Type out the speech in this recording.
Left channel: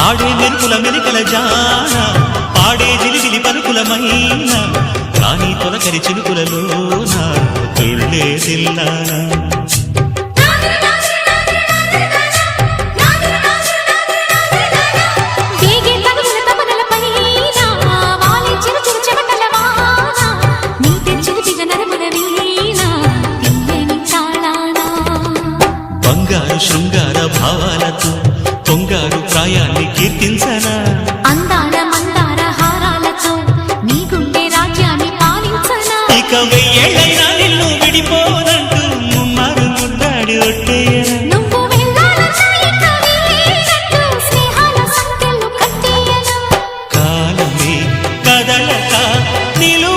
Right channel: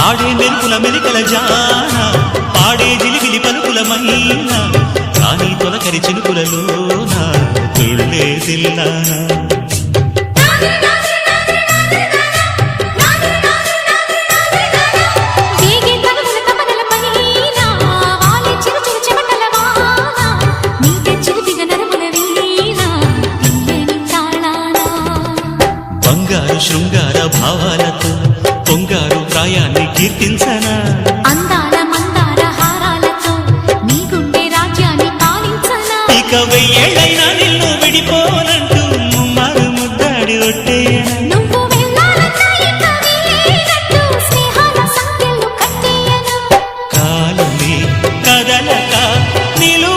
ఆడే మెరుపుల మెలికల జాన పాడే జిలిబిలి పలుకులమైన రాణి తొలకరి చినుకులలోన తుళ్ళే తిల్లానా బంగారు శృంగార భావాలతో పొంగారు ప్రాయాన్ని కీర్తించనా అందాల మందార హారాలతో నీ గుండె రాజ్యాన్ని పాలించనా ఇక వెయ్యేళ్ళైనా నిన్ను విడిపోనంటూ ముమ్మారు ముద్దాడి ఒట్టేయనా నువ్వు వెళ్ళాలన్నా ఇక వీలేనట్టు స్నేహాల సంఖ్యలు కట్టేయనా కాలమే కదలక నిలు